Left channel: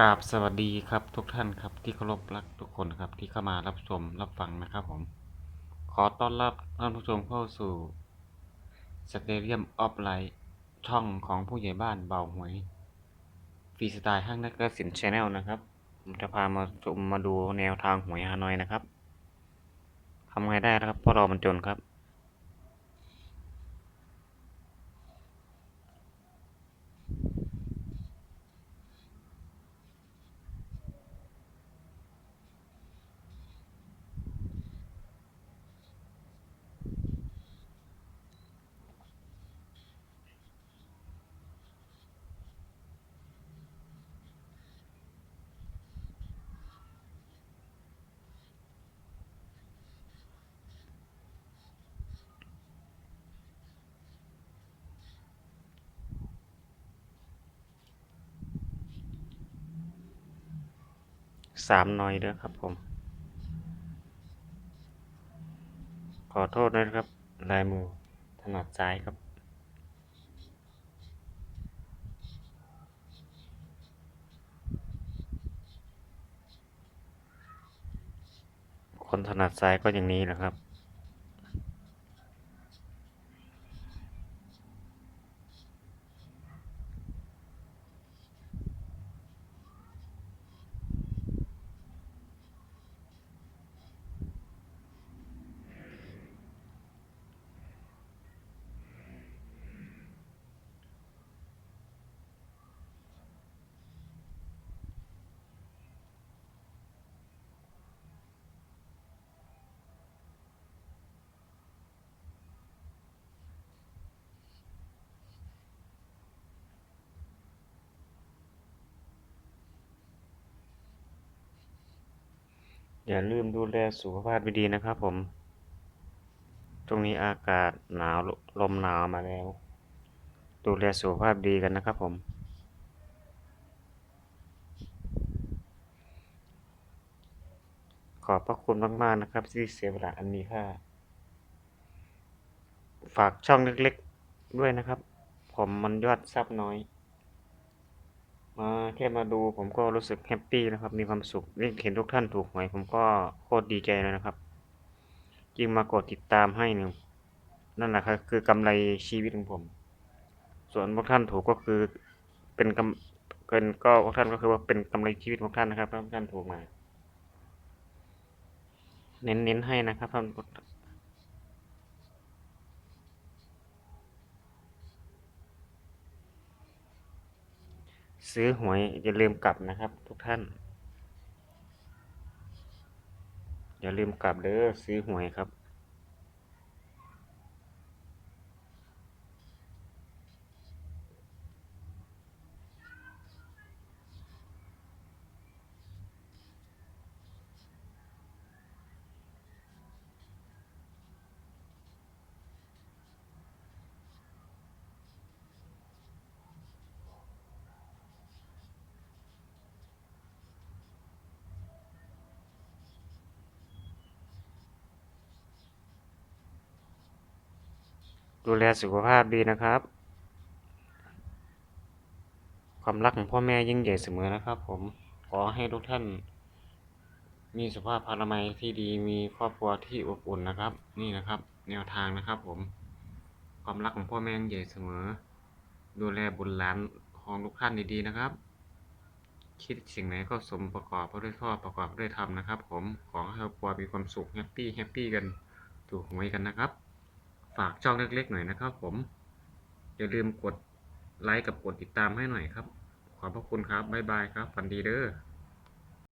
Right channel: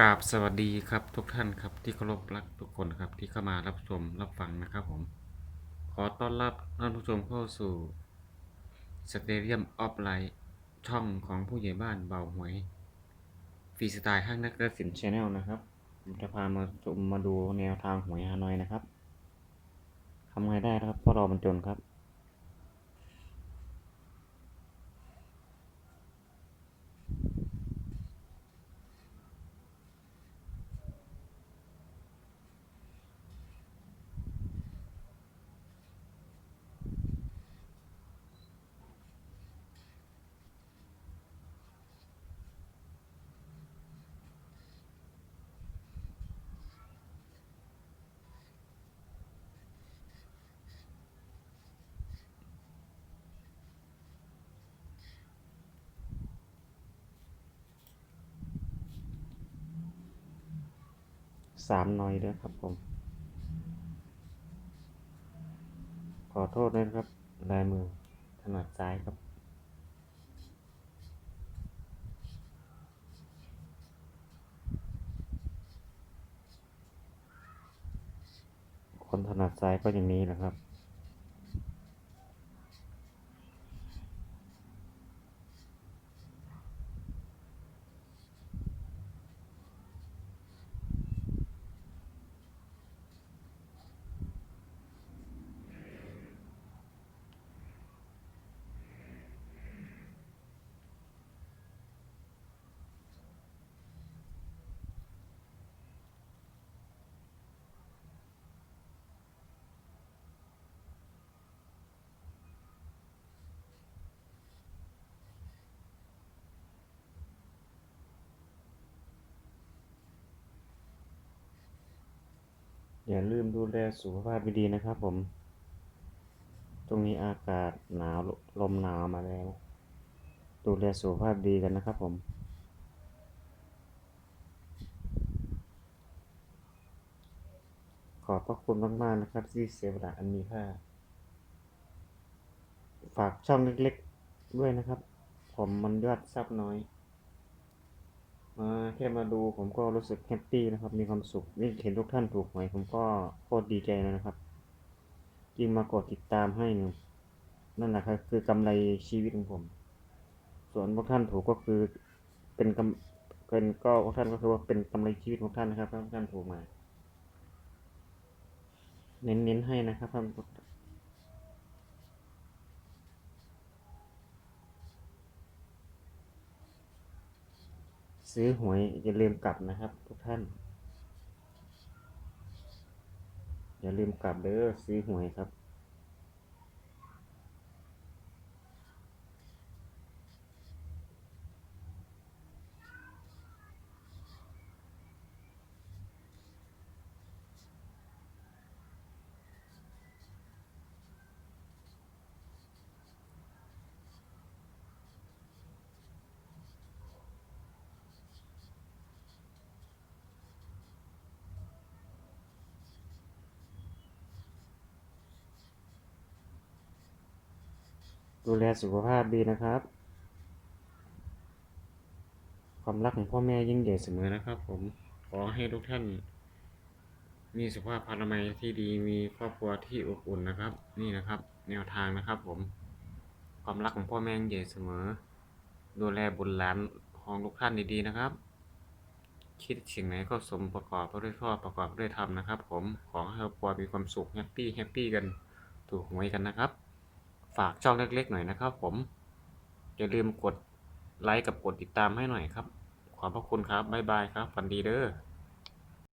กราบสวัสดีครับทุกท่านครับที่เคารพรักทุกคนครับที่เข้ามารับชมรับฟังนะครับผม ขอต้อนรับท่านผู้ชมเข้าสู่สเตเดียมออฟไลท์ช่องของผู้ใหญ่บ้านเบาหวยฟรีสไตล์ห้างนักสินชแนลนะครับผมจะพามาชมมาดูแนวทางหวยฮานอยนะครับทำไงได้นะครับเพราะเรามันจนครับ สามหน่อยเด้อครับผม ขอโทษด้วยครับ ลายมือถนัดซ้ายครับคนถนัดซ้ายก็อย่างนี้แหละครับ อย่าลืมดูแลสุขภาพดีๆนะครับผม ตรงนี้อากาศหนาวลมหนาวมาแล้ว ดูแลสุขภาพดีกันนะครับผมขอบพระคุณมาก ๆ นะครับ ที่เสียเวลาอันมีค่า ฝากช่องเล็ก ๆ ด้วยนะครับ ผมมันยอดซับน้อย มาแค่มาดูผมก็รู้สึกแฮปปี้นะครับ มีความสุขเห็นทุกท่านถูกหวยผมก็โคตรดีใจเลยนะครับยิ่งมากดติดตามให้นี่ยนั่นแหละครับคือกำไรชีวิตของผม ส่วนพวกท่านถูกก็คือเป็นกำเป็นก็พวกท่านก็คือว่าเป็นกำไรชีวิตของท่านนะครับพวกท่านถูกมา เน้นๆให้นะครับท่าน ซื้อหวยอย่าลืมกลับนะครับ ทุกท่าน อย่าลืมกลับเด้อซื้อหวยครับ ดูแลสุขภาพดีนะครับ ความรักของพ่อแม่ยิ่งใหญ่เสมอนะครับ ผมขอให้ทุกท่าน มีสุขภาพพลามัยที่ดีมีครอบครัวที่อบอุ่นนะครับ นี่นะครับ แนวทางนะครับ ผม ความรักของพ่อแม่ยิ่งใหญ่เสมอ ดูแลบุตรหลานของทุกท่านดีๆนะครับ คิดสิ่งไหนก็สมประกอบด้วยชอประกอบด้วยธรรมนะครับ ผมขอให้ครอบครัวมีความสุขแฮปปี้แฮปปี้กันถูกหวยกันนะครับ ฝากช่องเล็กๆหน่อยนะครับ ผม อย่าลืมกดไลค์กับกดติดตามให้หน่อยครับ ขอบพระคุณครับ บ๊ายบายครับ ฝันดีเด้อ